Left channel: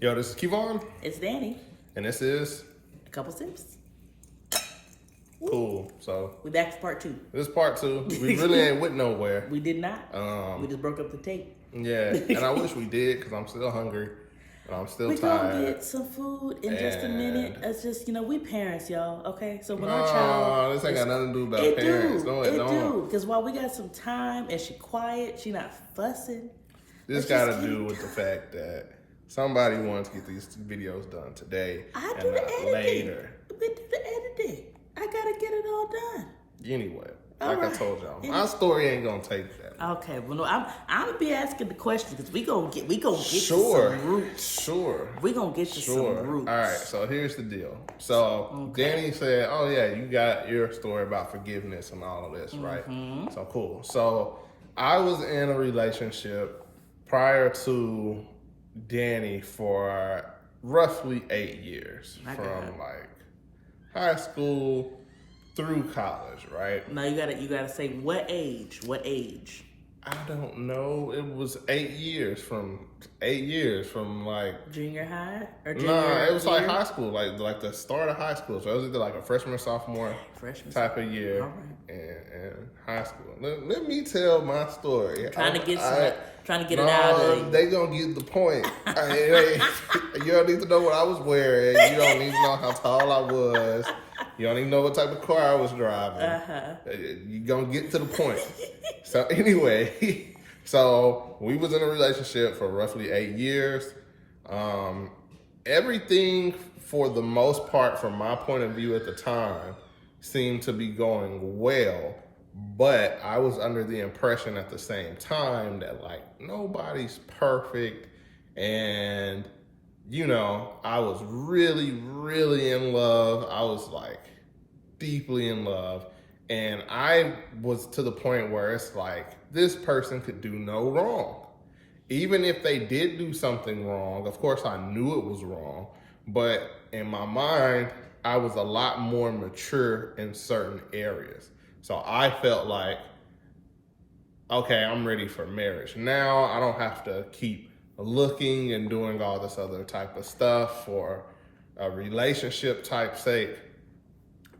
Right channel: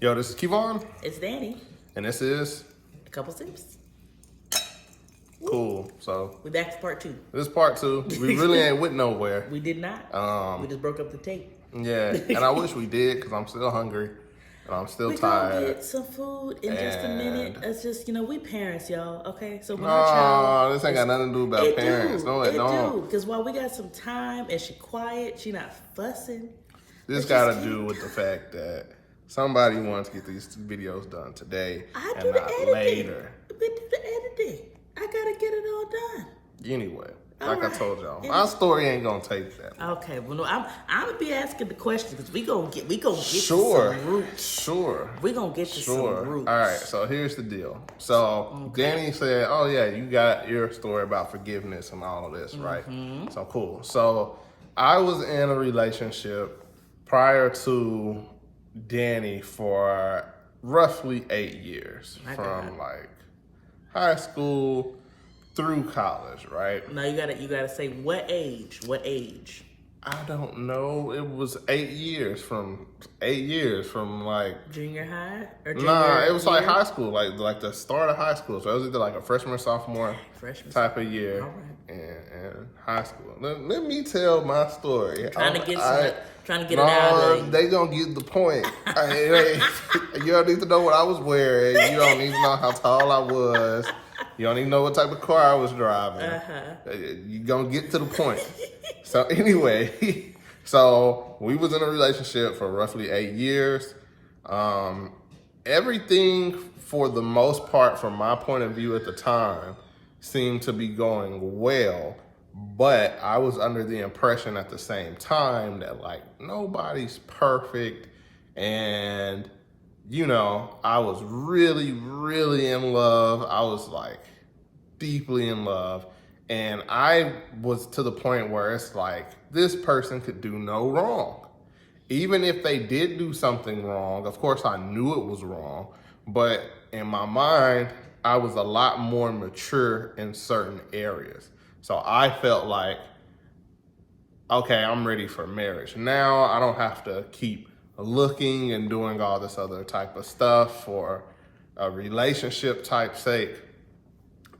Yo, this is Kevon, It's Danny. and this is A couple sips. cool. So We back to part 2. this is part 2. We really ain't went nowhere. We did not. We just broke up the tape. Yeah, and I wish we did because I'm still hungry and I'm still We tired. gonna get some food in just a minute. And- It's just, we parents, y'all. Okay, so when our child, No, this ain't got nothing to do about it parents. do, No, it don't. do. Because while we got some time and she quiet, she not fussing. This But got to just do with the fact that somebody wants to get these videos done today I and do the not editing. later. We do the editing. I gotta get it all done. Anyway, All like I right. told y'all, our story ain't gonna take that. Okay, well, no, I'm gonna be asking the question because we gonna get to Sure, some roots. sure. We gonna get to Sure. some roots. All right. So here's the deal. So Danny said, "Oh yeah, you got your story about forgiveness and all of this, right?" So cool. So I was in a relationship prior to Danny for roughly 8 years, My from God. like high school through college, right? Now you gotta say what age? What age? I don't know. It was 8 years from like. Junior high or junior? Nah, it was like year? high school, like the start of high school. So it was either like a freshman or sophomore Freshman. type of year All right. in high school. Let me tell my story. Trying to get it No, out of you. they gonna get the point. You don't need to know what I was wearing. You don't need to know how tall I was. You don't even know what type of car I was driving. You gonna get to the point. So anyway, so we was in a relationship for roughly 8 years. Everything for the most part, from my point of view at the time, seemed to be going well. But I was under the impression at the same time that like nobody's perfect, and I was really, really in love. I was like deeply in love. And I was to the point where it's like, this person could do no wrong. Even if they did do something wrong, of course I knew it was wrong, but in my mind, I was a lot more mature in certain areas. So I felt like, okay, I'm ready for marriage. Now I don't have to keep looking and doing all this other type of stuff for a relationship type sake.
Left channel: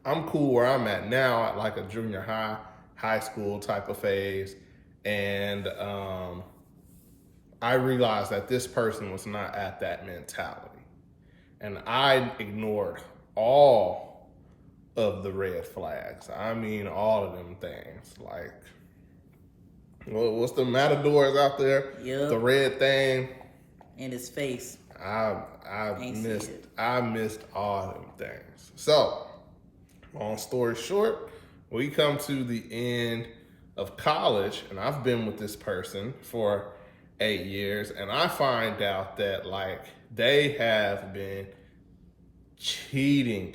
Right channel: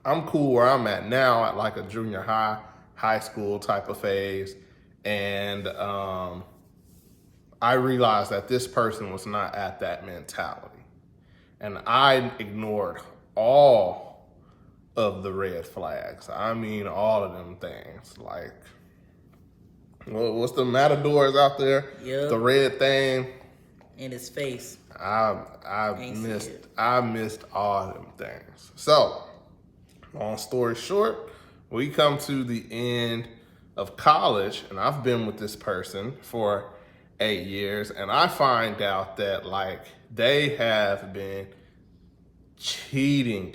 I'm cool where I'm at now at like a junior high school type of phase. And I realized that this person was not at that mentality. And I ignored all of the red flags. I mean, all of them things. Like, what's the matadors out there? Yep. The red thing. In his face. I Ain't missed see it. I missed all them things. So, long story short, we come to the end of college, and I've been with this person for 8 years, and I find out that like they have been cheating,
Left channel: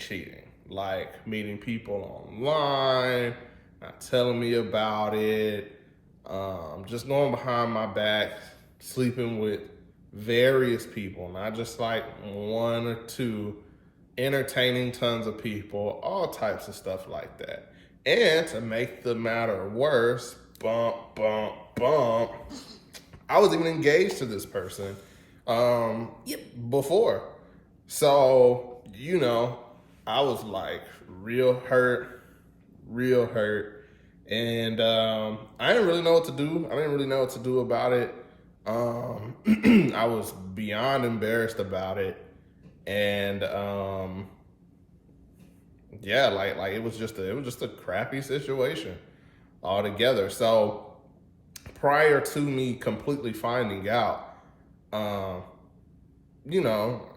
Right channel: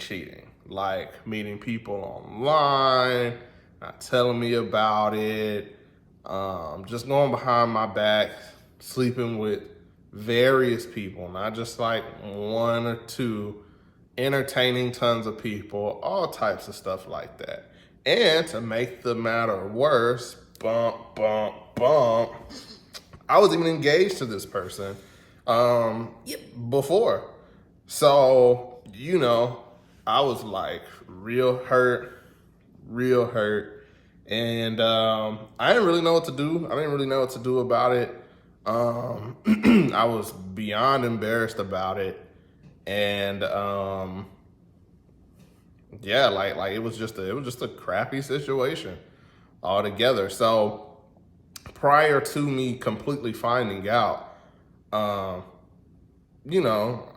like meeting people online, not telling me about it, just going behind my back, sleeping with various people, not just like one or two, entertaining tons of people, all types of stuff like that. And to make the matter worse, I was even engaged to this person before. So, I was like real hurt. And I didn't really know what to do. I didn't really know what to do about it. I was beyond embarrassed about it. And yeah, like it was just a crappy situation altogether. So prior to me completely finding out, I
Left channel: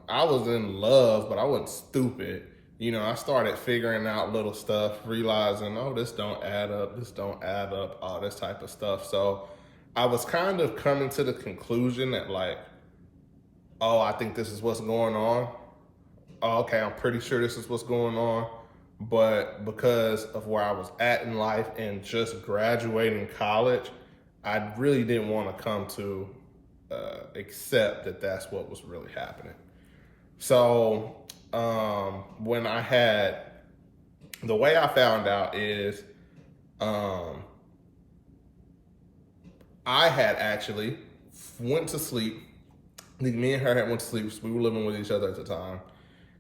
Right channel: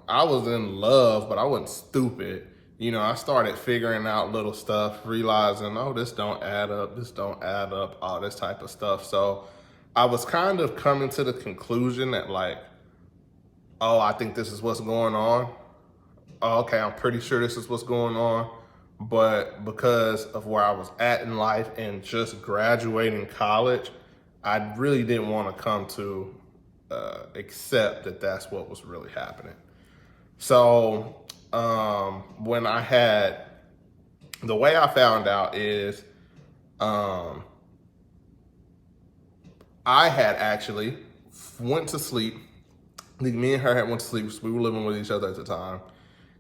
was in love, but I wasn't stupid. I started figuring out little stuff, realizing, oh, this don't add up, all this type of stuff. So I was kind of coming to the conclusion that like, oh, I think this is what's going on. Oh, okay, I'm pretty sure this is what's going on. But because of where I was at in life and just graduating college, I really didn't want to come to accept that that's what was really happening. So when the way I found out is I had actually went to sleep Me and her had went to sleep. We were living with each other at the time.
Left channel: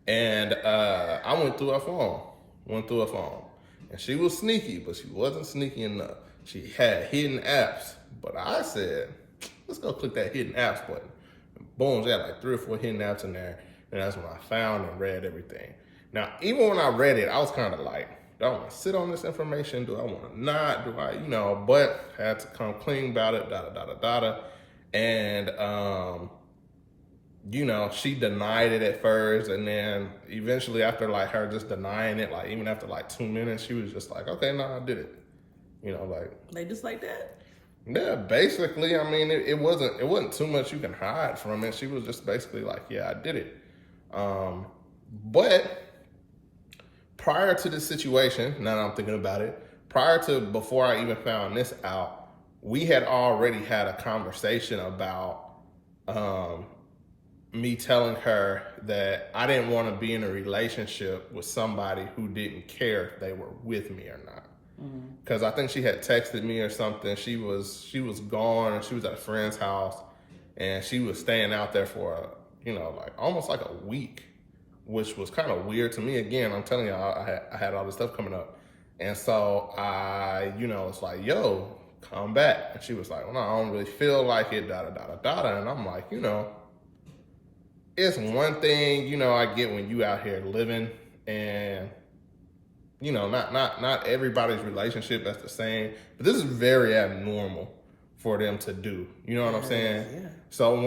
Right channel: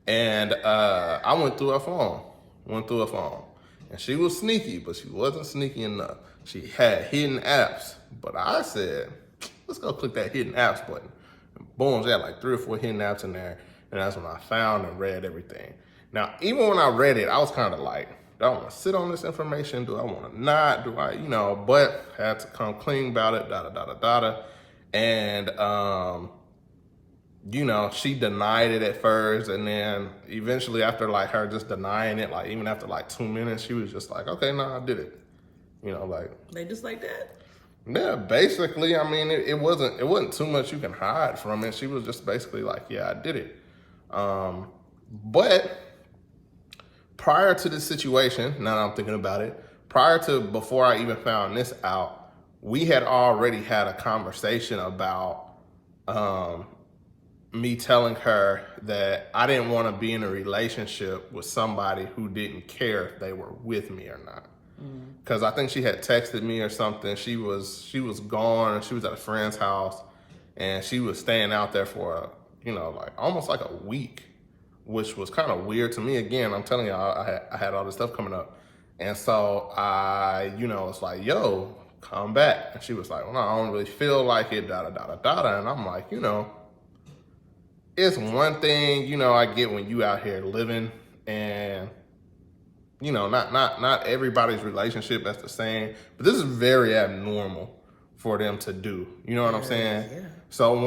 And I went through her phone. And she was sneaky, but she wasn't sneaky enough. She had hidden apps. But I said, let's go click that hidden apps button. And boom, she had like 3 or 4 hidden apps in there. And that's when I found and read everything. Now, even when I read it, I was kind of like, do I want to sit on this information? Do I want to not? Do I, but I had to come clean about it, And, she denied it at first. And then eventually after like her just denying it, like even after like 2 minutes, she was just like, okay, no, I did it. They just like that? Yeah, basically, I mean, it wasn't too much you can hide from it. She was just basically like, yeah, I did it. But prior to this situation, now that I'm thinking about it, before I even found this out, we had already had a conversation about me telling her that I didn't want to be in a relationship with somebody who didn't care if they were with me or not. Because I think she had texted me or something. She was gone. She was at a friend's house, and she was staying out there for like almost like a week, which was kind of weird to me. Again, I'm telling you, I had all this stuff coming up, and so I was like, yo, come back. And she was like, well, no, I don't really feel like it, And I'm like, it's one thing, I get when you out here living, and not everybody's relationship that's the same, but this is very abnormal for them to do. You know what I'm saying? Yeah. So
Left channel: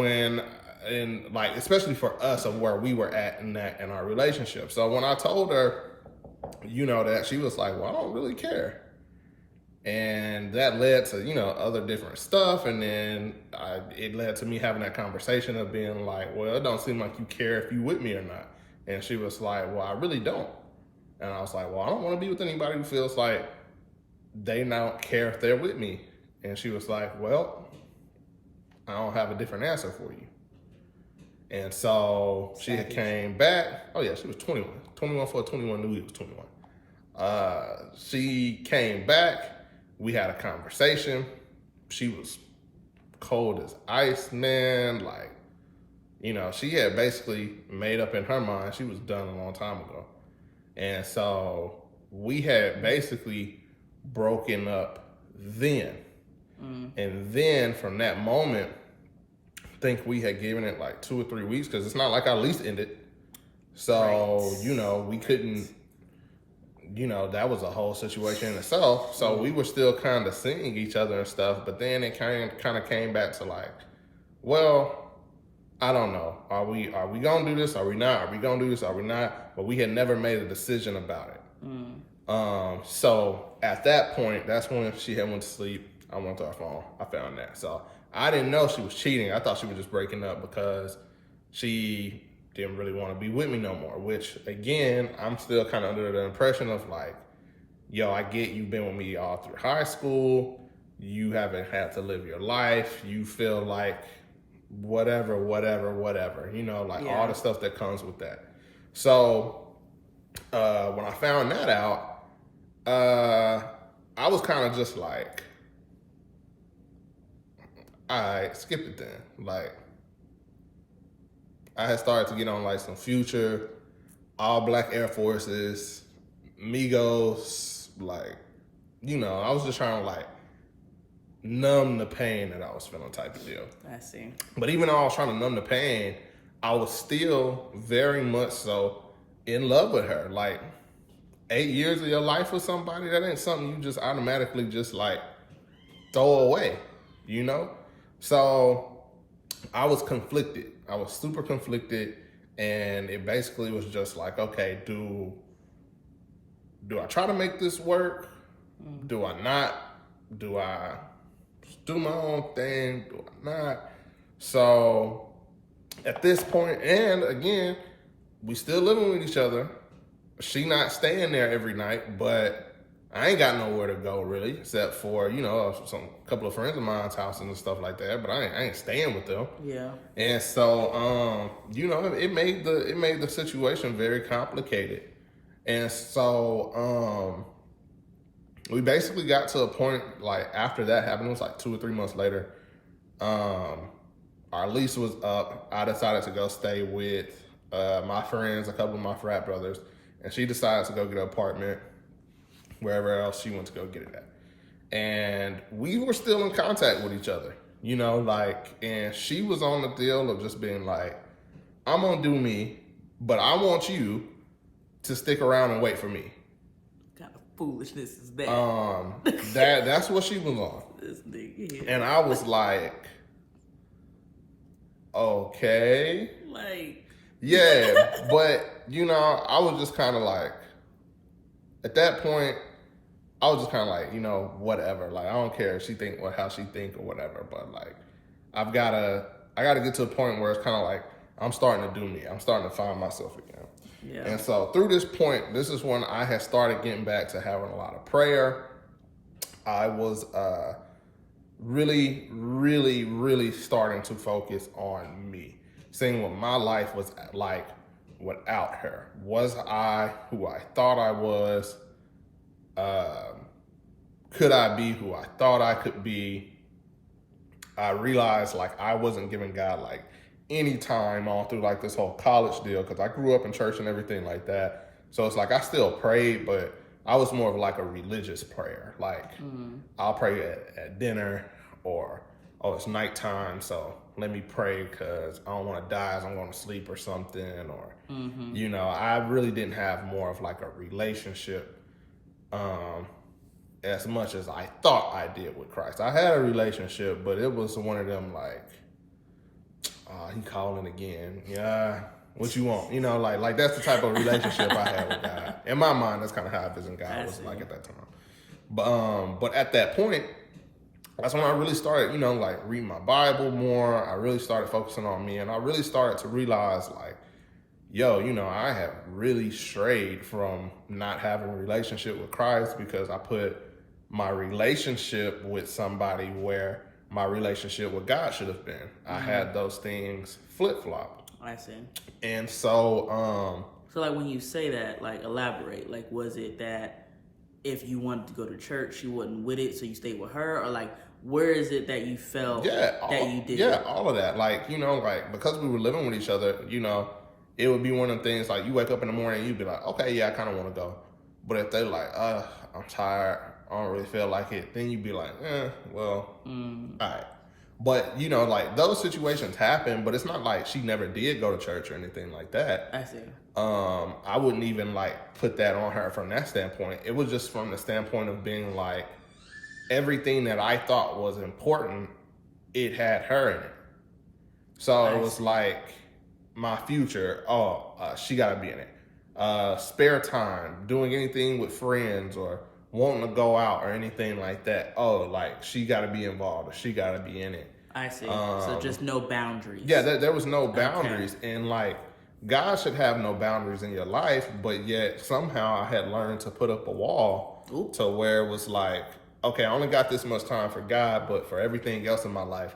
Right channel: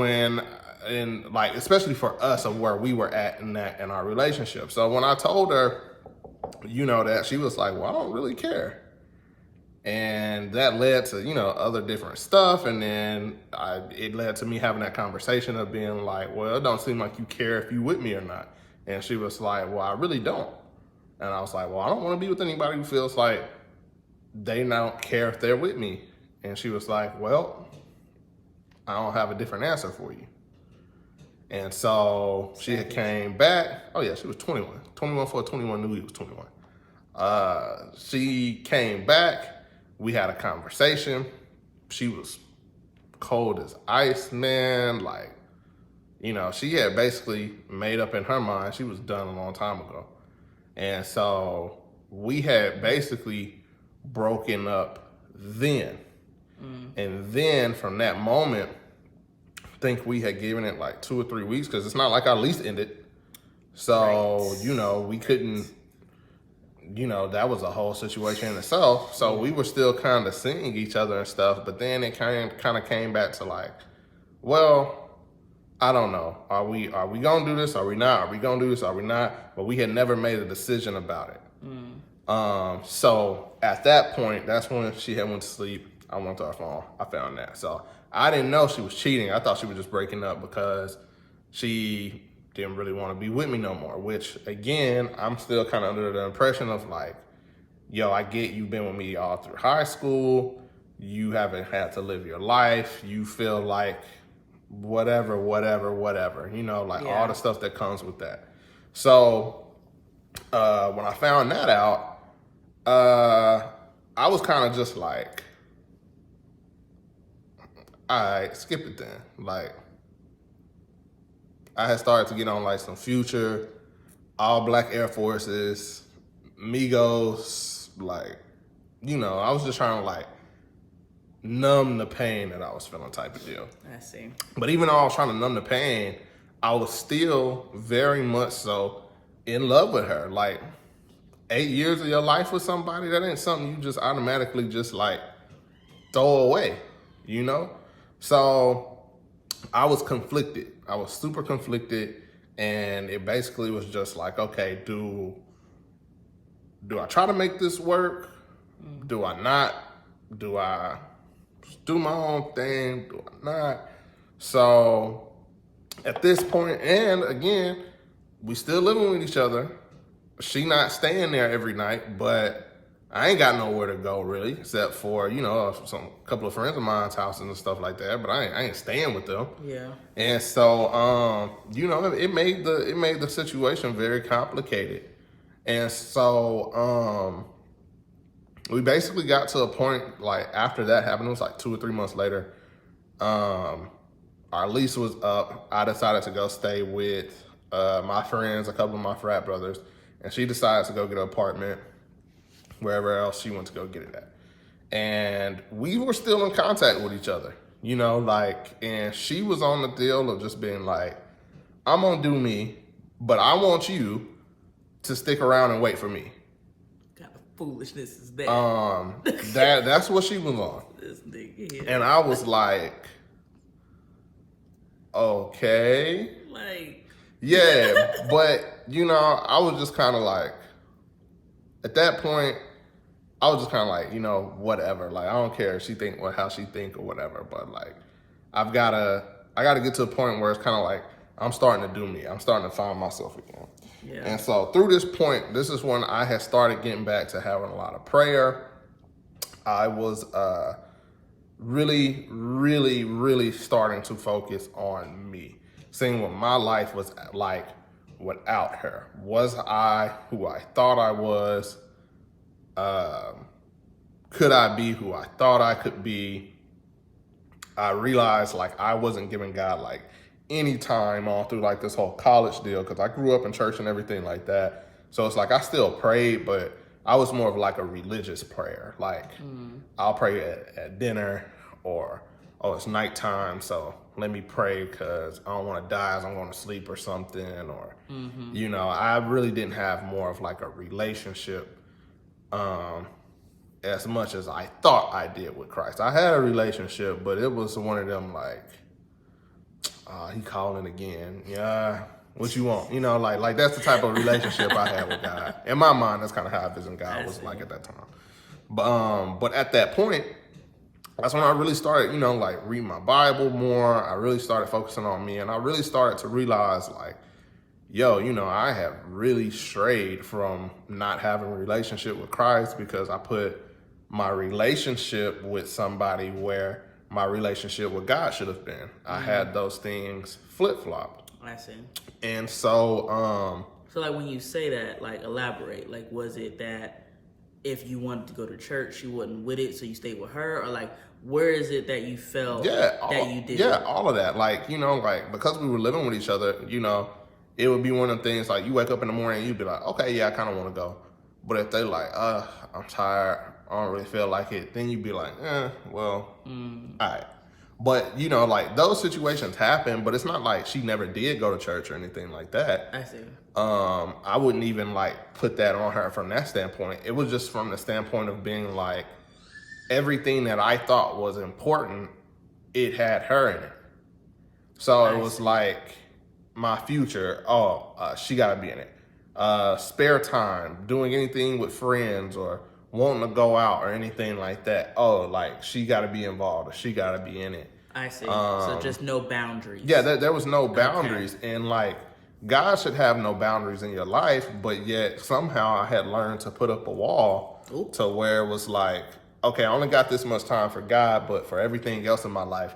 especially for us of where we were at in our relationship. So when I told her, that, she was like, well, I don't really care. And that led to, other different stuff. And then it led to me having that conversation of being like, well, it don't seem like you care if you with me or not. And she was like, well, I really don't. And I was like, well, I don't want to be with anybody who feels like they don't care if they're with me. And she was like, well, I don't have a different answer for you. And so she had came back. Oh, yeah, she was 21. 21 for a 21, knew he was 21. She came back. We had a conversation. She was cold as ice, man. Like, she had basically made up in her mind she was done a long time ago. And so we had basically broken up then. And then from that moment, I think we had given it like 2 or 3 weeks, because it's not like our lease ended. So, Right. We couldn't, that was a whole situation in itself. So we were still kind of seeing each other and stuff. But then it kind of came back to like, well, I don't know. Are we gonna do this? Are we not? Are we gonna do this? Are we not? But we had never made a decision about it. So at that point, that's when she had went to sleep. I went to her phone. I found that. So I didn't know she was cheating. I thought she was just breaking up because she didn't really want to be with me no more. Which again, I'm still kind of under the impression of like, yo, I get you've been with me all through high school. You haven't had to live your life. You feel like whatever, all the stuff that comes with that. So when I found that out, I was kind of just like, I skipped it then. Like, I had started to get on like some Future, all black Air Forces, Migos, like, I was just trying to like numb the pain that I was feeling type of deal. I see. But even though I was trying to numb the pain, I was still very much so in love with her. Like 8 years of your life with somebody, that ain't something you just automatically just like throw away, So I was conflicted. I was super conflicted, and it basically was just like, okay, do I try to make this work? Do I not? Do I do my own thing? Do I not? So at this point, and again, we still living with each other. She not staying there every night, but I ain't got nowhere to go really, except for, some couple of friends of mine's houses and stuff like that, but I ain't staying with them. Yeah. And so, it made the situation very complicated. And so, we basically got to a point, like, after that happened, it was like 2 or 3 months later, I our lease was up. I decided to go stay with my friends, a couple of my frat brothers, and she decided to go get an apartment wherever else she went to go get it at. And we were still in contact with each other, you know, like, and she was on the deal of just being like, I'm gonna do me, but I want you to stick around and wait for me. Kind of foolishness is bad. That's what she was on. This nigga here. And I was like, okay. Like, Yeah, but, you know, I was just kind of like, at that point, I was just kind of like, you know, whatever. Like, I don't care if she think how she think or whatever, but like, I gotta get to a point where it's kind of like, I'm starting to do me. I'm starting to find myself again. yeah. And so through this point, this is when I had started getting back to having a lot of prayer. I was really, really, really starting to focus on me, seeing what my life was like without her. Was I who I thought I was? Could I be who I thought I could be? I realized like I wasn't giving God like any time all through like this whole college deal, because I grew up in church and everything like that. So it's like I still prayed, but I was more of like a religious prayer. Like I'll pray at dinner, or it's nighttime, so let me pray because I don't want to die as I'm going to sleep or something. Or you know, I really didn't have more of like a relationship as much as I thought I did with Christ. I had a relationship, but it was one of them like, he calling again. Yeah, what you want? You know, like that's the type of relationship I had with God. In my mind, that's kind of how I visioned God was like at that time. But at that point, that's when I really started, you know, like reading my Bible more. I really started focusing on me, and I really started to realize like, yo, you know, I have really strayed from not having a relationship with Christ because I put my relationship with somebody where my relationship with God should have been. I had those things flip-flopped. I see. And so, So like when you say that, like elaborate, like was it that if you wanted to go to church, she wasn't with it, so you stayed with her? Or like, where is it that you felt that you did? Yeah, all of that. Like, you know, like because we were living with each other, you know, it would be one of the things like you wake up in the morning and you'd be like, okay, yeah, I kind of want to go. But if they're like, I'm tired, I don't really feel like it, then you'd be like, well, all right. But, you know, like those situations happen, but it's not like she never did go to church or anything like that. I see. I wouldn't even like put that on her from that standpoint. It was just from the standpoint of being like, everything that I thought was important, it had her in it. So it was like my future, she gotta be in it. Spare time, doing anything with friends or wanting to go out or anything like that. Like she gotta be involved or she gotta be in it. I see. So just no boundaries. Yeah, there was no boundaries. Okay. And like, God should have no boundaries in your life, but yet somehow I had learned to put up a wall to where it was like, okay, I only got this much time for God, but for everything else in my life,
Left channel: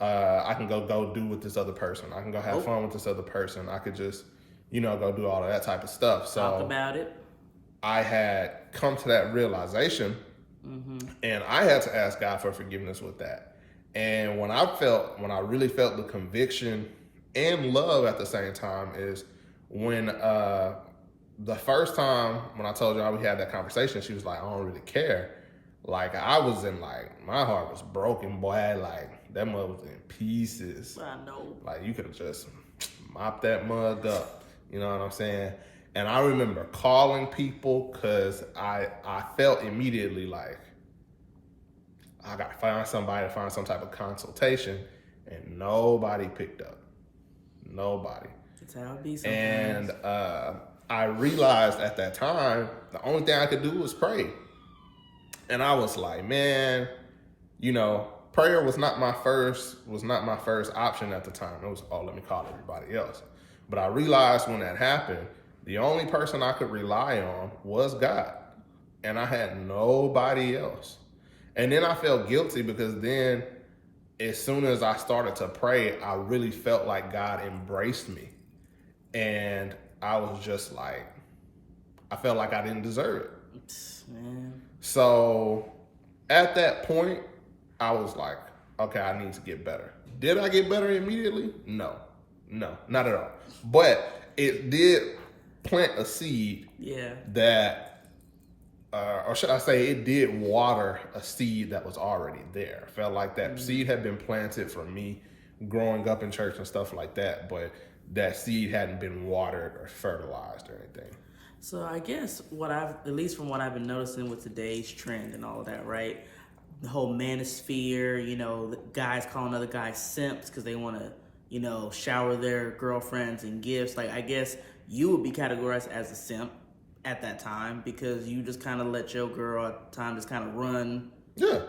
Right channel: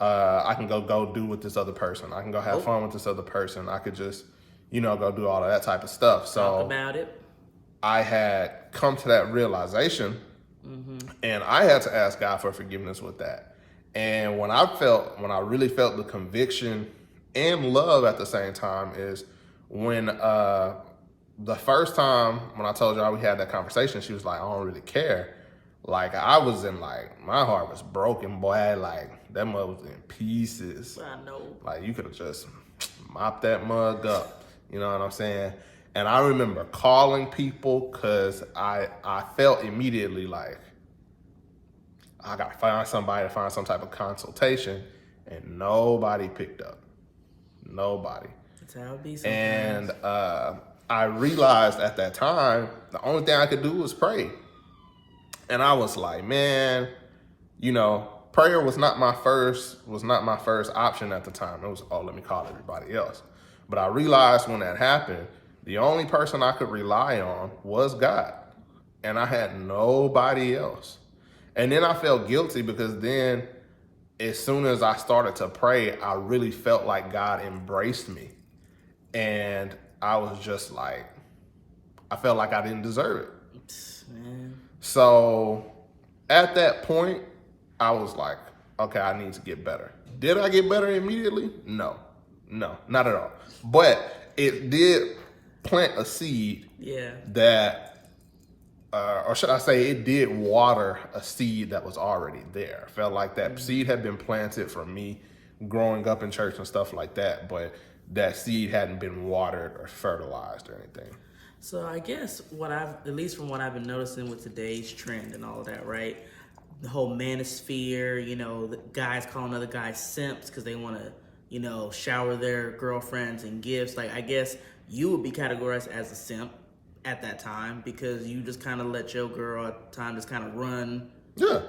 I can go do with this other person. I can go have fun with this other person. I could just, you know, go do all of that type of stuff. So talk about it. I had come to that realization, and I had to ask God for forgiveness with that. And when I really felt the conviction and love at the same time is when the first time when I told y'all we had that conversation, she was like, I don't really care. Like I was in like, my heart was broken, boy. Like that mug was in pieces. I know. Like you could have just mopped that mug up. You know what I'm saying? And I remember calling people because I felt immediately like, I got to find somebody to find some type of consultation, and nobody picked up. Nobody. That's how it be sometimes. And I realized at that time, the only thing I could do was pray. And I was like, man, you know, prayer was not my first option at the time. It was, let me call everybody else. But I realized when that happened, the only person I could rely on was God. And I had nobody else. And then I felt guilty because then as soon as I started to pray, I really felt like God embraced me. And I was just like, I felt like I didn't deserve it. Man. So at that point, I was like, okay, I need to get better. Did I get better immediately? No, not at all. But it did plant a seed. Yeah. That, or should I say, it did water a seed that was already there. I felt like that seed had been planted from me growing up in church and stuff like that, but that seed hadn't been watered or fertilized or anything. So I guess at least from what I've been noticing with today's trend and all of that, right? The whole manosphere, the guys calling other guys simps because they want to, shower their girlfriends in gifts. Like, I guess you would be categorized as a simp at that time because you just kind of let your girl at the time just kind of run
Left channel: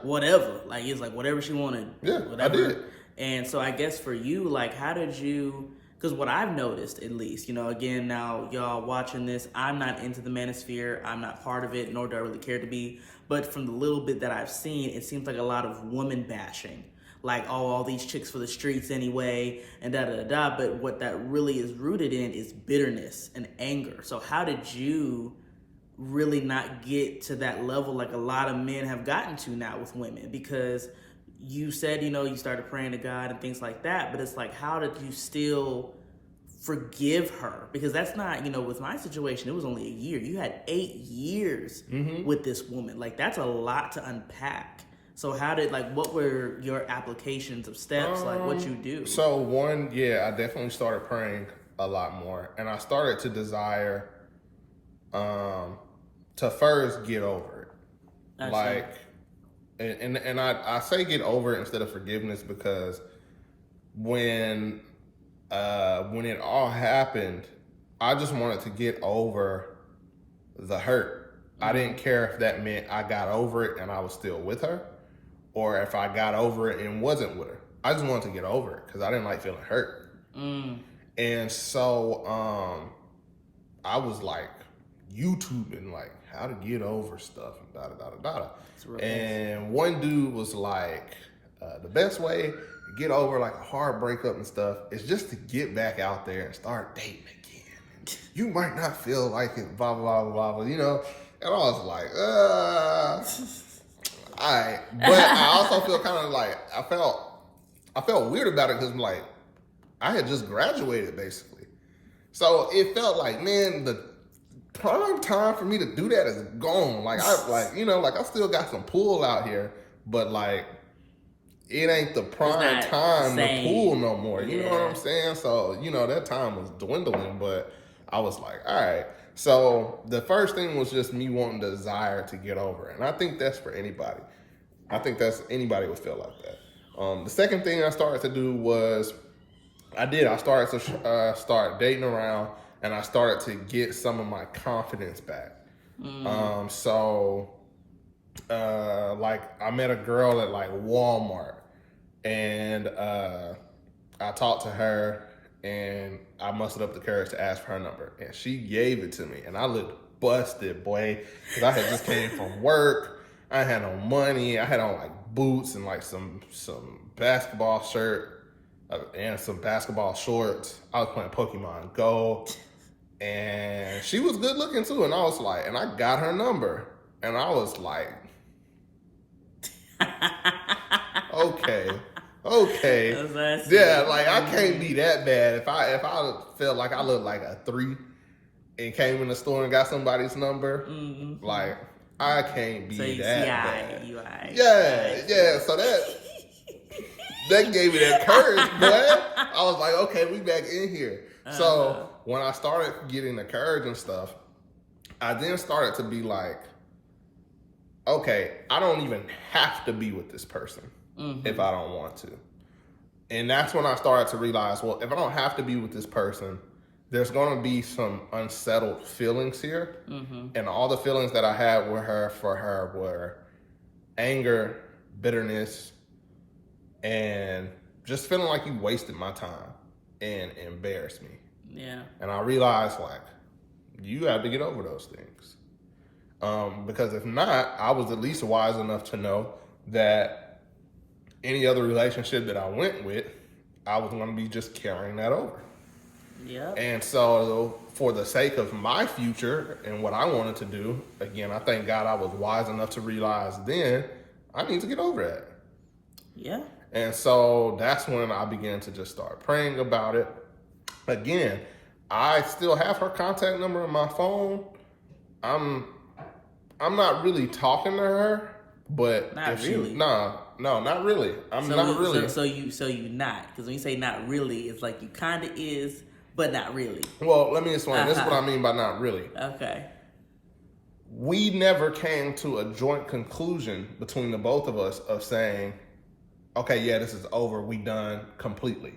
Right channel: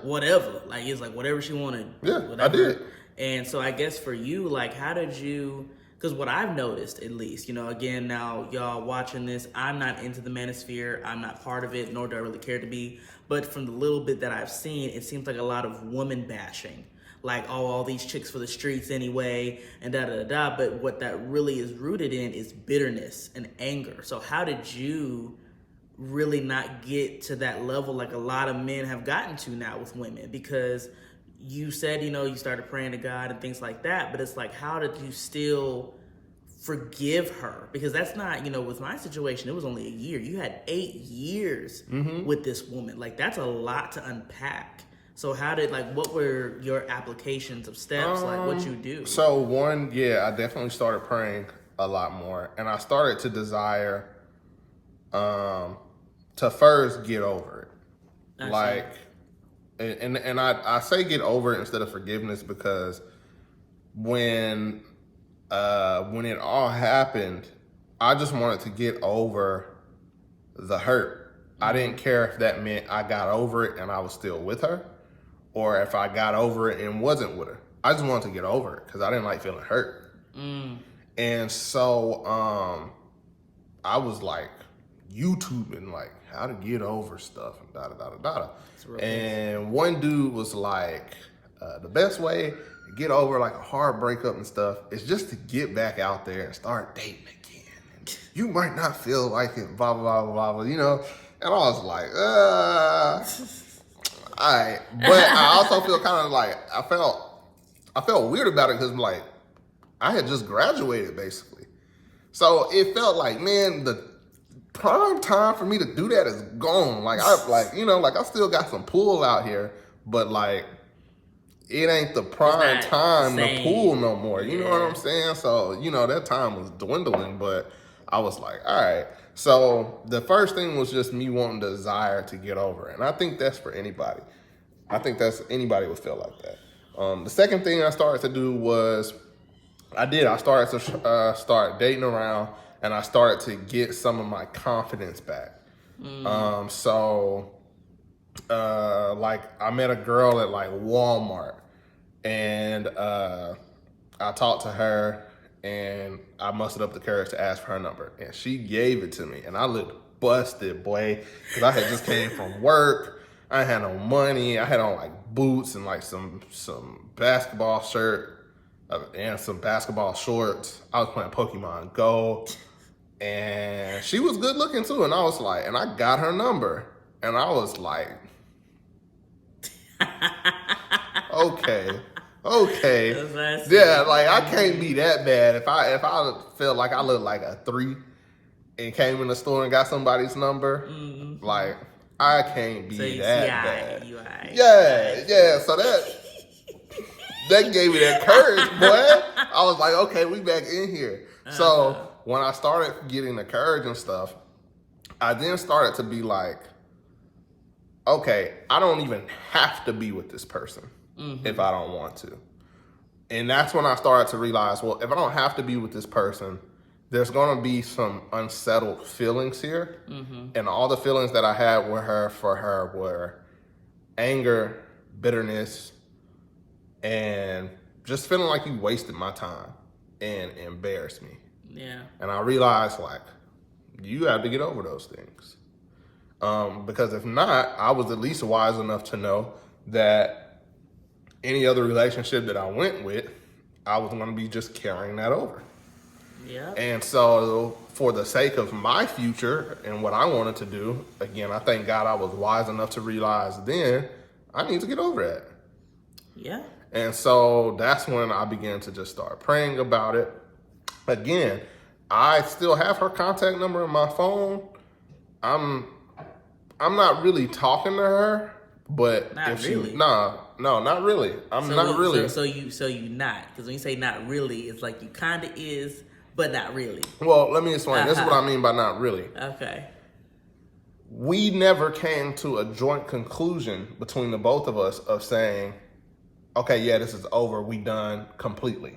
whatever. Like, it's like whatever she wanted. Yeah, whatever. I did. And so I guess for you, like, how did you... Because what I've noticed, at least, again, now y'all watching this, I'm not into the manosphere. I'm not part of it, nor do I really care to be. But from the little bit that I've seen, it seems like a lot of woman bashing. Like, oh, all these chicks for the streets anyway, and da-da-da-da. But what that really is rooted in is bitterness and anger. So how did you really not get to that level like a lot of men have gotten to now with women? Because you said, you started praying to God and things like that, but it's like, how did you still forgive her? Because that's not, with my situation, it was only a year. You had 8 years with this woman. Like, that's a lot to unpack. So what were your applications of steps? Like, what you do? So one, I definitely started praying a lot more. And I started to desire to first get over it. And I say get over it instead of forgiveness because when it all happened, I just wanted to get over the hurt. I didn't care if that meant I got over it and I was still with her, or if I got over it and wasn't with her. I just wanted to get over it because I didn't like feeling hurt. And so I was like YouTubing like how to get over stuff and da-da-da-da-da. And one dude was like, the best way to get over like a hard breakup and stuff is just to get back out there and start dating again. You might not feel like it, blah, blah, blah, blah, And I was like, all right. But I also feel kind of like, I felt weird about it because like, I had just graduated basically. So it felt like, man, the prime time for me to do that is gone. Like I still got some pull out here, but like it ain't the prime time to pull no more. You know what I'm saying? So, that time was dwindling, but I was like, all right. So the first thing was just me wanting the desire to get over it. And I think that's for anybody. I think anybody would feel like that. The second thing I started to do was I started to start dating around, and I started to get some of my confidence back. Like I met a girl at like Walmart, and I talked to her, and I mustered up the courage to ask for her number, and she gave it to me, and I looked busted, boy, because I had just came from work. I had no money. I had on like boots and like some basketball shirt and some basketball shorts. I was playing Pokemon Go. And she was good looking too. And I was like, and I got her number. And I was like, okay. Yeah, like I can't be that bad. If I felt like I looked like a 3 and came in the store and got somebody's number, like I can't be that bad. Yeah. So that gave me that courage, boy. I was like, okay, we back in here. So when I started getting the courage and stuff, I then started to be like, okay, I don't even have to be with this person if I don't want to. And that's when I started to realize, well, if I don't have to be with this person, there's going to be some unsettled feelings here. And all the feelings that I had for her were anger, bitterness, and just feeling like you wasted my time and embarrassed me. Yeah. And I realized, like, you have to get over those things. Because if not, I was at least wise enough to know that any other relationship that I went with, I was going to be just carrying that over. Yeah. And so for the sake of my future and what I wanted to do, again, I thank God I was wise enough to realize then I need to get over that. Yeah. And so that's when I began to just start praying about it. Again, I still have her contact number in my phone. I'm not really talking to her, but Not really. No, not really. I'm not really. So you not, because when you say not really, it's like you kind of is, but not really. Well, let me explain. This is what I mean by not really. Okay. We never came to a joint conclusion between the both of us of saying, okay, yeah, this is over. We done completely.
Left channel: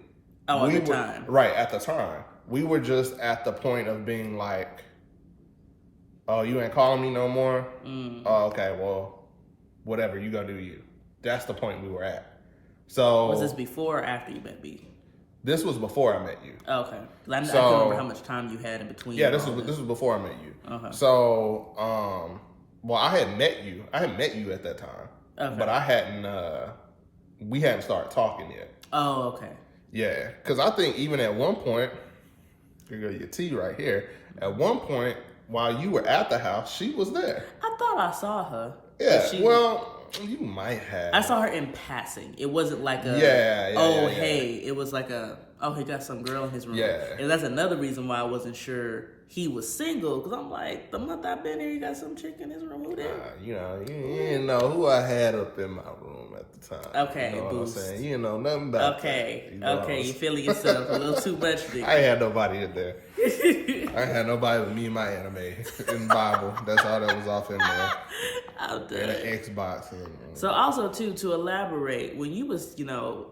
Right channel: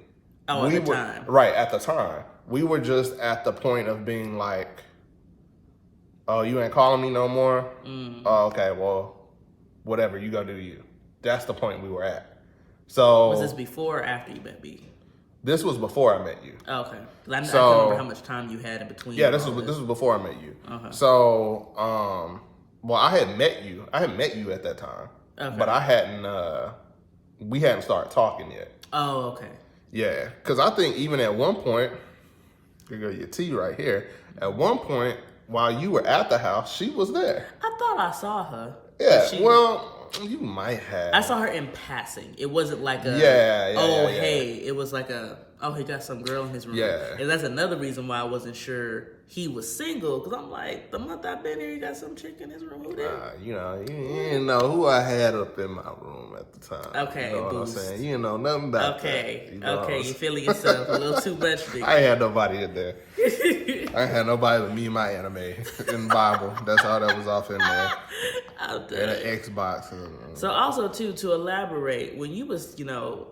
Oh, at the time. Right, at the time. We were just at the point of being like, oh, you ain't calling me no more? Oh, okay, well, whatever, you go do you. That's the point we were at. So was this before or after you met B? This was before I met you. Oh, okay. I can't remember how much time you had in between. Yeah, this was before I met you. Okay. So, well, I had met you at that time. Okay. But I hadn't, we hadn't started talking yet. Oh, okay. Yeah, because I think even at one point, you got your tea right here. At one point, while you were at the house, she was there. I thought I saw her. Yeah, you might have. I saw her in passing. It wasn't like a, hey. It was like he got some girl in his room. Yeah. And that's another reason why I wasn't sure he was single, because I'm like, the month I've been here, you got some chick in his room. Who this? You didn't know who I had up in my room at the time. Okay, you know what I'm saying? You didn't know nothing about that. You know you feeling yourself a little too much. I ain't had nobody in there. I ain't had nobody but me and my anime and Bible. That's all that was off in there. I'm done. And an Xbox. So also too, to elaborate, when you was,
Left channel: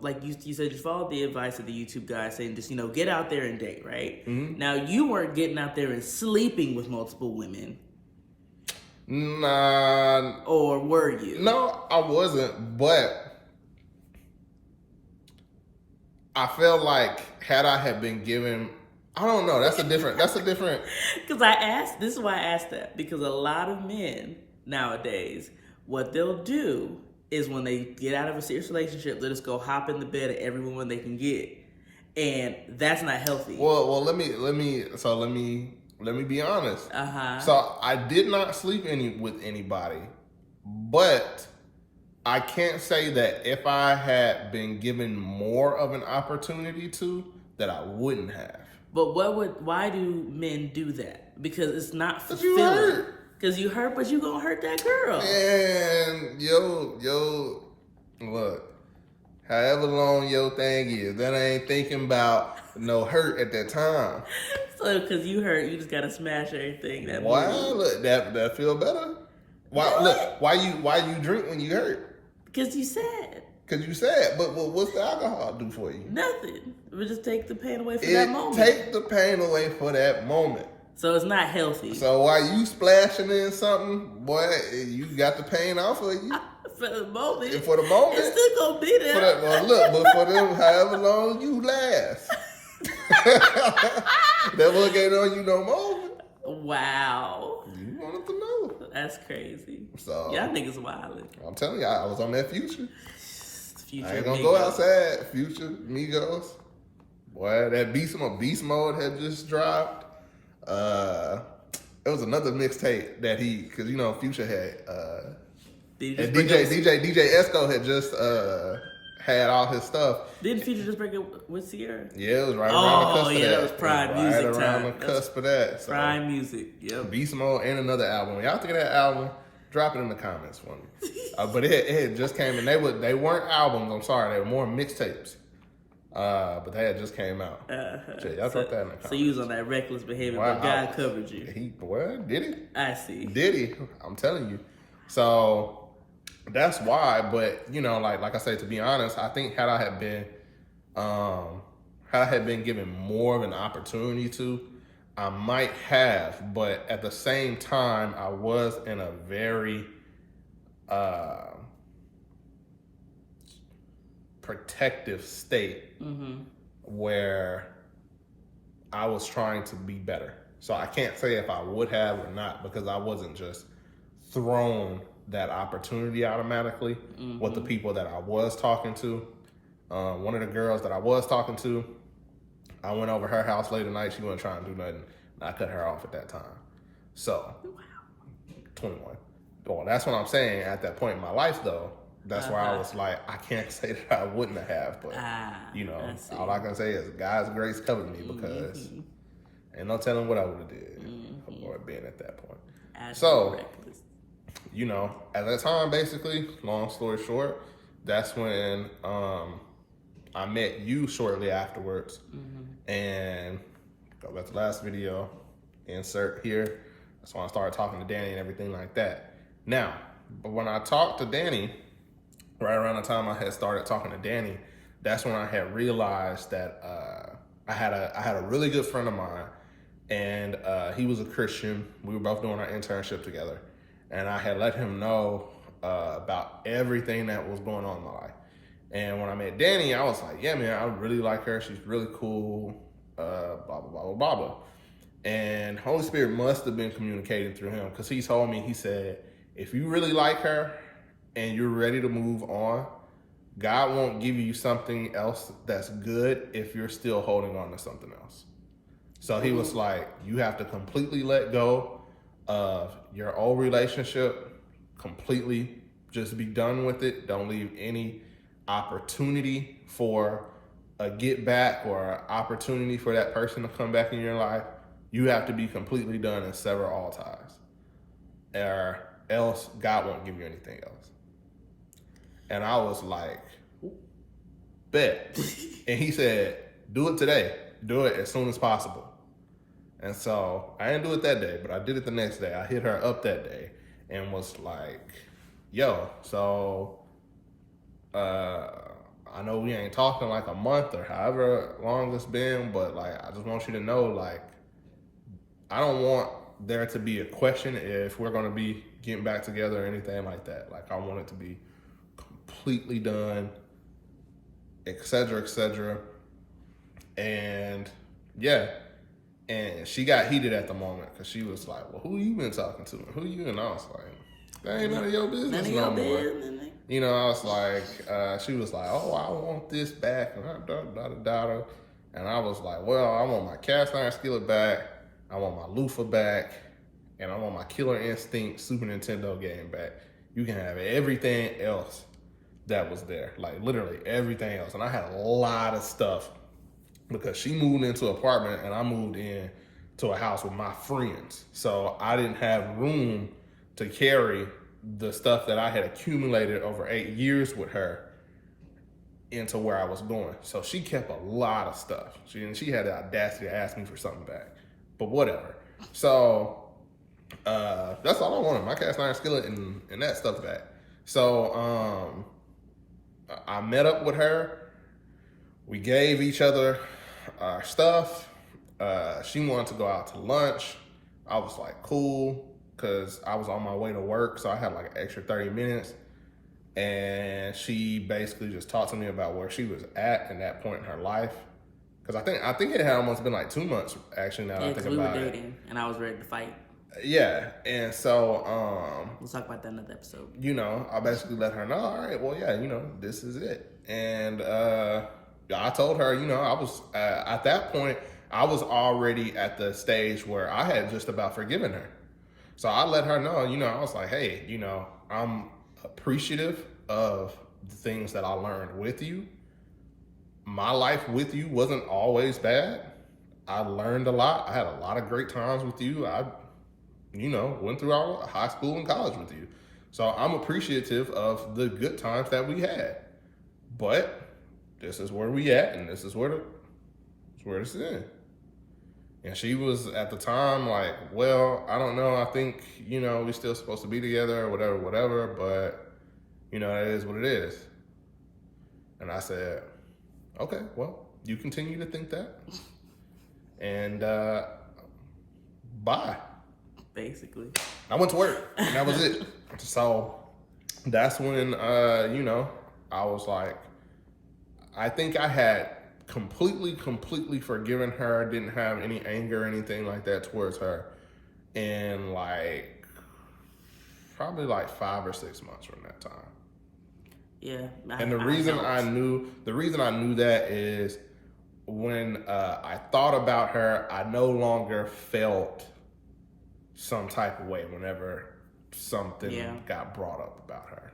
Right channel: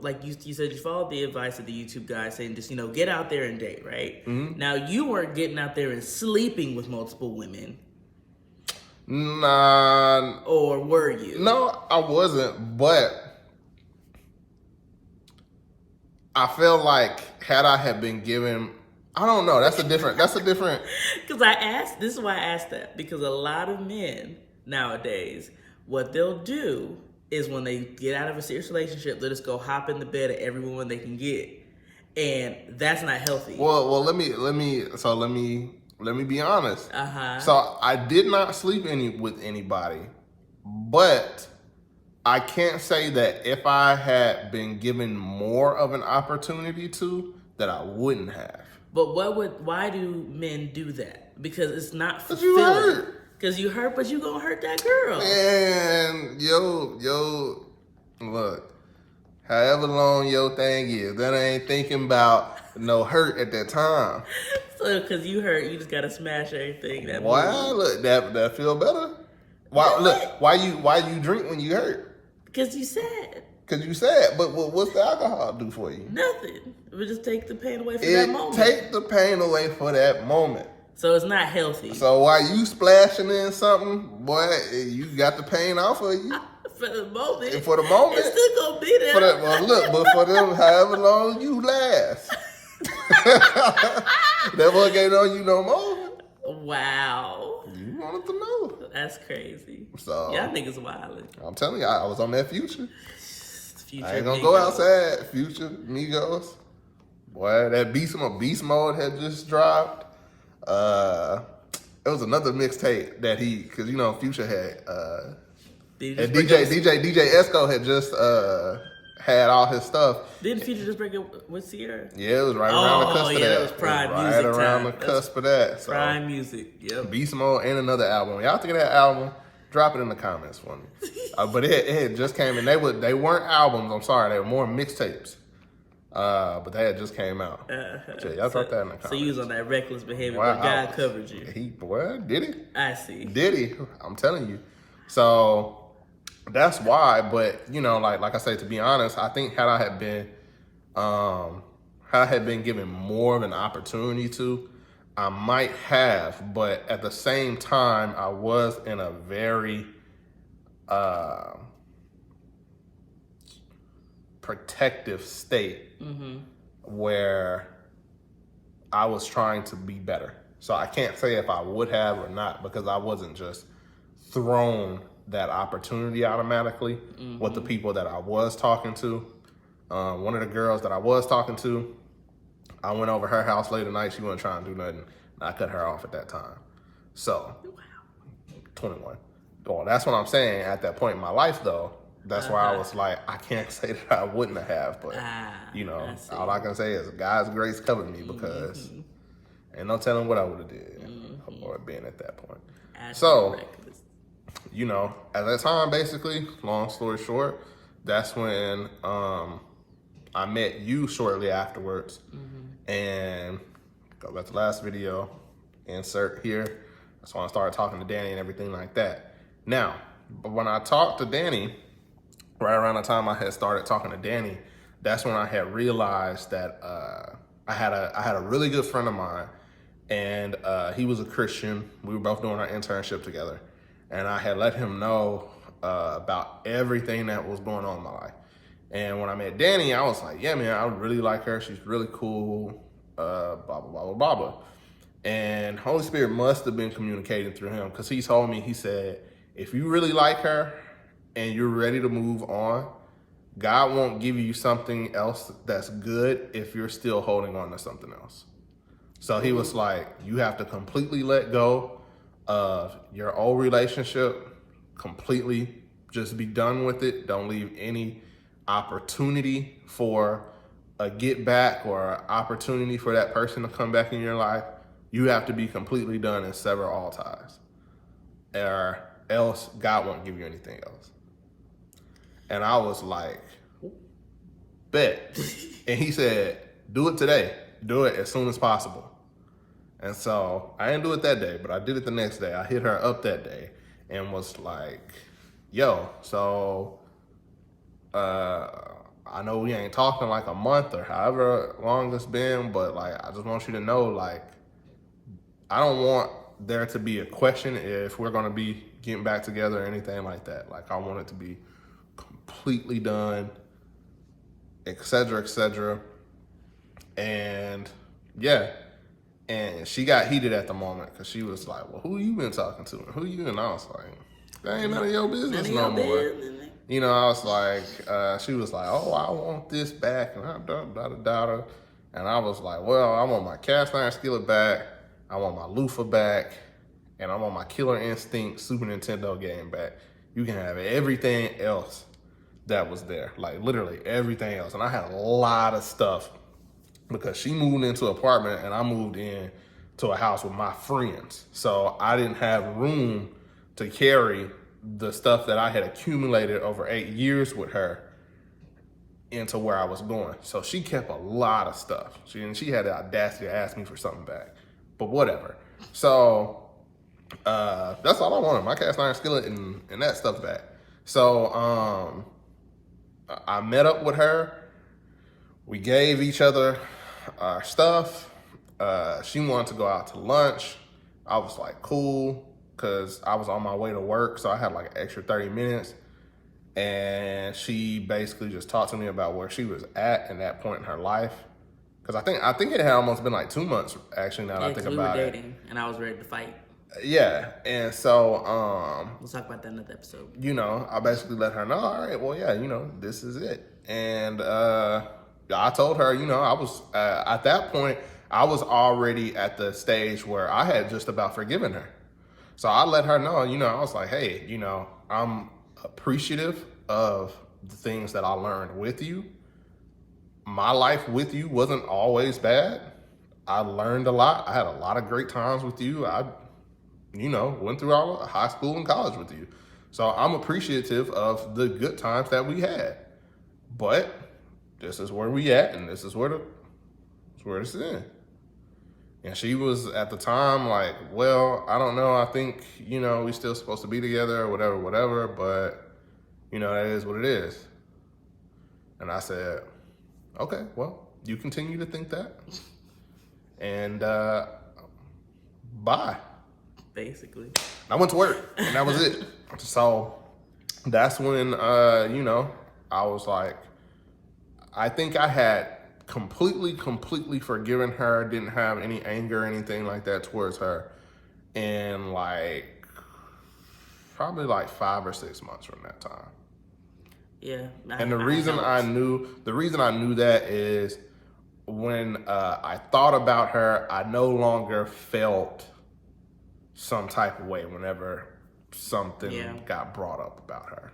like you said, you followed the advice of the YouTube guy saying just, get out there and date, right? Mm-hmm. Now you weren't getting out there and sleeping with multiple women. Nah. Or were you? No, I wasn't, but I feel like had I had been given, I don't know, that's a different. Because this is why I asked that, because a lot of men nowadays, what they'll do is when they get out of a serious relationship, they'll just go hop in the bed of every woman they can get. And that's not healthy. Well, let me be honest. So I did not sleep with anybody, but I can't say that if I had been given more of an opportunity to, that I wouldn't have. But why do men do that? Because it's not fulfilling. Because you hurt, but you gonna hurt that girl. And yo, look. However long your thing is, that ain't thinking about no hurt at that time. So, because you hurt, you just gotta smash everything. Look, that feel better. Why you drink when you hurt? Because you sad. But what's the alcohol do for you? Nothing. It would just take the pain away for that moment. Take the pain away for that moment. So it's not healthy. So while you splashing in something, boy, you got the pain off of you. For the moment. And for the moment. It's still gonna be there. But for them, however long you last. That one ain't on you no more. Wow. You wanted to know. That's crazy. So y'all niggas wildin'. I'm telling you, I was on that Future. I ain't gonna Migos. go outside. Future, Migos. Boy, that beast mode had just dropped. It was another mixtape that because Future had DJ Esco had just had all his stuff. Didn't Future just break up with Sierra? Yeah, it was right around the cusp of that. That was prime music time. Right around the cusp of that. So, prime music, yep. Beast Mode and another album. Y'all think of that album? Drop it in the comments for me. But it had just came, and they weren't albums. I'm sorry, they were more mixtapes. But they had just came out. So y'all drop that in the comments. So you was on that reckless behavior, but God covered you. Did he? I see. Did he? I'm telling you. So that's why. But like I say, to be honest, I think had I had been given more of an opportunity to, I might have. But at the same time, I was in a very protective state where I was trying to be better. So I can't say if I would have or not, because I wasn't just thrown that opportunity automatically with the people that I was talking to. One of the girls that I was talking to, I went over her house late at night. She wasn't trying to do nothing. I cut her off at that time. So, 21. Well, that's what I'm saying. At that point in my life, though, that's why I was like, I can't say that I wouldn't have, but you know, all I can say is God's grace covered me because ain't no telling what I would have did or been at that point. So, you know, at that time, basically, long story short, that's when I met you shortly afterwards. And go back to the last video, insert here. That's when I started talking to Danny and everything like that. Now, but when I talked to Danny, right around the time I had started talking to Danny, that's when I had realized that I had a really good friend of mine, and he was a Christian. We were both doing our internship together, and I had let him know about everything that was going on in my life. And when I met Danny, I was like, yeah, man, I really like her. She's really cool, blah, blah, blah, blah, blah, blah. And Holy Spirit must have been communicating through him, because he told me, he said, if you really like her and you're ready to move on, God won't give you something else that's good if you're still holding on to something else. So he was like, you have to completely let go of your old relationship, completely just be done with it. Don't leave any opportunity for a get back or an opportunity for that person to come back in your life. You have to be completely done and sever all ties, or else God won't give you anything else. And I was like, bet. And he said, do it today. Do it as soon as possible. And so I didn't do it that day, but I did it the next day. I hit her up that day and was like, yo, so I know we ain't talking like a month or however long it's been, but like, I just want you to know, like, I don't want there to be a question if we're going to be getting back together or anything like that. Like, I want it to be completely done, et cetera, and yeah. And she got heated at the moment because she was like, well, who you been talking to? Who you? And I was like, that ain't none of your business no more. You know, I was like, she was like, oh, I want this back, and and I was like, well, I want my cast iron skillet back, I want my loofah back, and I want my Killer Instinct Super Nintendo game back. You can have everything else that was there, like literally everything else. And I had a lot of stuff because she moved into an apartment and I moved in to a house with my friends. So I didn't have room to carry the stuff that I had accumulated over 8 years with her into where I was going. So she kept a lot of stuff. She had the audacity to ask me for something back, but whatever. So that's all I wanted, my cast iron skillet and that stuff back. So I met up with her. We gave each other our stuff. She wanted to go out to lunch. I was like, cool, because I was on my way to work, so I had like an extra 30 minutes. And she basically just talked to me about where she was at in that point in her life. Because I think it had almost been like 2 months, actually, now that I think about it. We were dating, and I was ready to fight. Yeah, and so we'll talk about that in another episode. You know, I basically let her know, all right, well, yeah, you know, this is it. And I told her, you know, I was at that point, I was already at the stage where I had just about forgiven her. So I let her know, you know, I was like, hey, you know, I'm appreciative of the things that I learned with you. My life with you wasn't always bad. I learned a lot. I had a lot of great times with you. I, you know, went through all high school and college with you. So I'm appreciative of the good times that we had. But this is where we at, and this is where it's in. And she was at the time like, well, I don't know. I think, you know, we still supposed to be together or whatever, but, you know, it is what it is. And I said, okay, well, you continue to think that. And bye. Basically. I went to work, and that was it. So that's when, you know, I was like, I think I had completely forgiven her, didn't have any anger or anything like that towards her in like probably like 5 or 6 months from that time. Yeah. And the reason I knew that is when I thought about her, I no longer felt some type of way whenever something got brought up about her.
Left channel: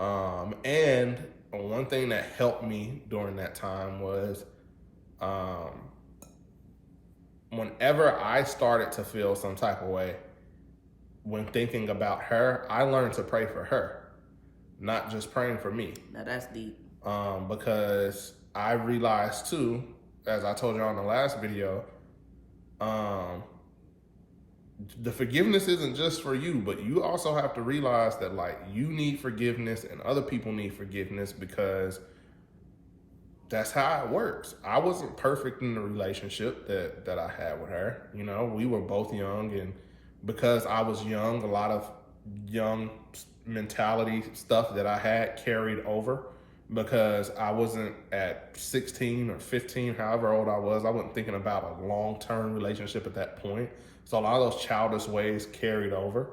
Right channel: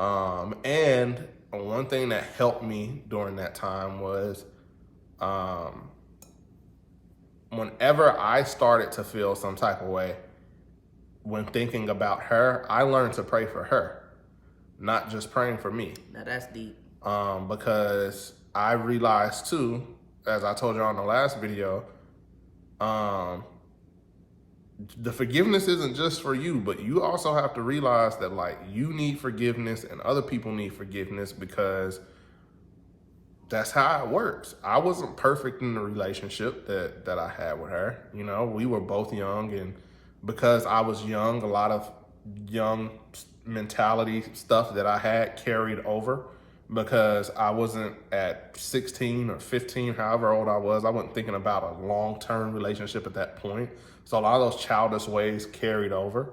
And one thing that helped me during that time was whenever I started to feel some type of way when thinking about her, I learned to pray for her, not just praying for me. Now that's deep. Because I realized too, as I told you on the last video, the forgiveness isn't just for you, but you also have to realize that like you need forgiveness and other people need forgiveness, because that's how it works. I wasn't perfect in the relationship that I had with her. You know, we were both young, and because I was young, a lot of young mentality stuff that I had carried over, because I wasn't at 16 or 15, however old I was. I wasn't thinking about a long-term relationship at that point. So a lot of those childish ways carried over.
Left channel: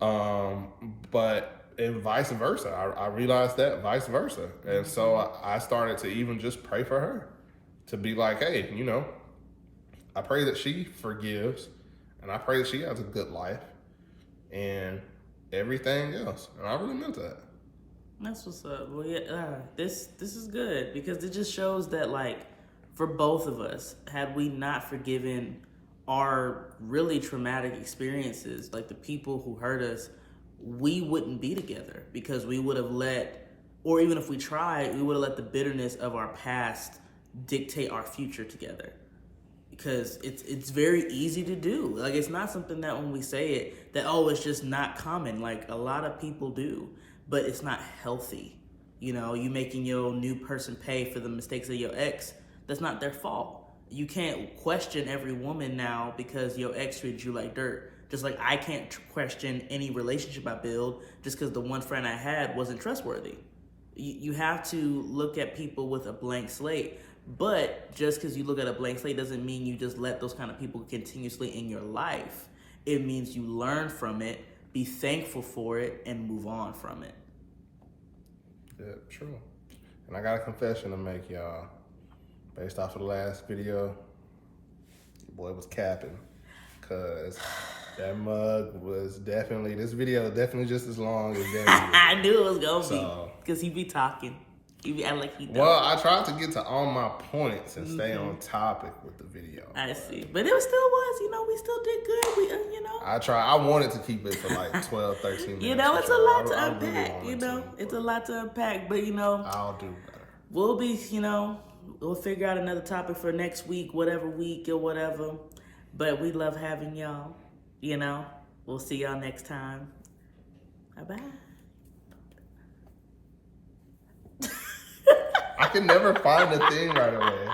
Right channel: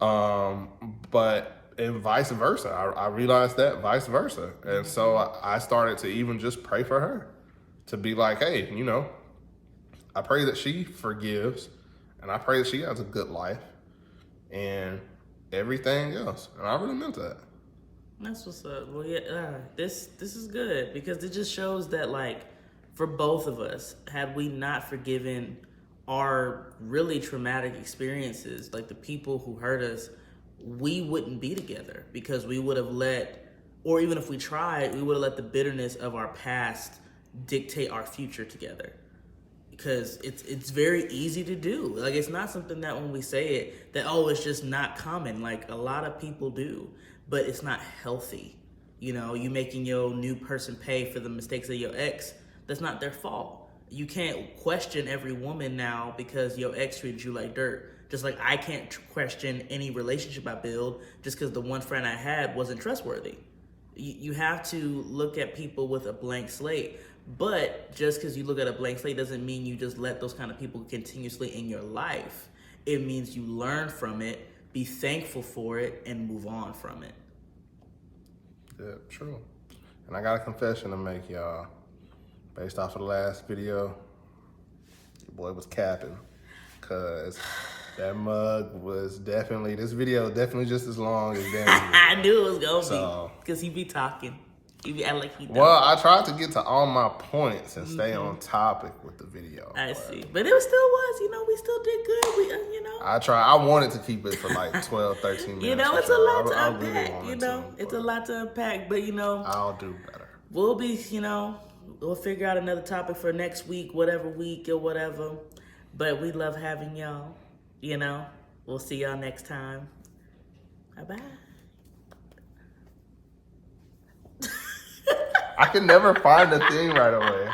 And vice versa. I realized that vice versa. And so I started to even just pray for her, to be like, hey, you know, I pray that she forgives, and I pray that she has a good life and everything else. And I really meant that. That's what's up. Well, yeah, this is good, because it just shows that, like, for both of us, had we not forgiven our really traumatic experiences, like the people who hurt us, we wouldn't be together, because we would have let, or even if we tried, we would have let the bitterness of our past dictate our future together. Because it's very easy to do. Like, it's not something that when we say it, that, oh, it's just not common. Like, a lot of people do, but it's not healthy. You know, you making your new person pay for the mistakes of your ex, that's not their fault. You can't question every woman now because your ex treated you like dirt. Just like I can't question any relationship I build just because the one friend I had wasn't trustworthy. You have to look at people with a blank slate. But just because you look at a blank slate doesn't mean you just let those kind of people continuously in your life. It means you learn from it, be thankful for it, and move on from it. Yeah, true. And I got a confession to make, y'all. Based off of the last video, your boy was capping, because that mug was definitely, this video is definitely just as long as that video. I knew it was going to be, because he be talking. He be acting like he don't. Well, I tried to get to all my points and stay on topic with the video. I see. But it still was, you know, we still did good. We, you know. I wanted to keep it for like 12, 13 minutes. You know, it's a lot to unpack, you know. It's a lot to unpack, but, you know. I'll do better. We'll be, you know, we'll figure out another topic for next week, whatever week or whatever. But we love having y'all, you know. We'll see y'all next time. Bye-bye. I can never find the thing right away.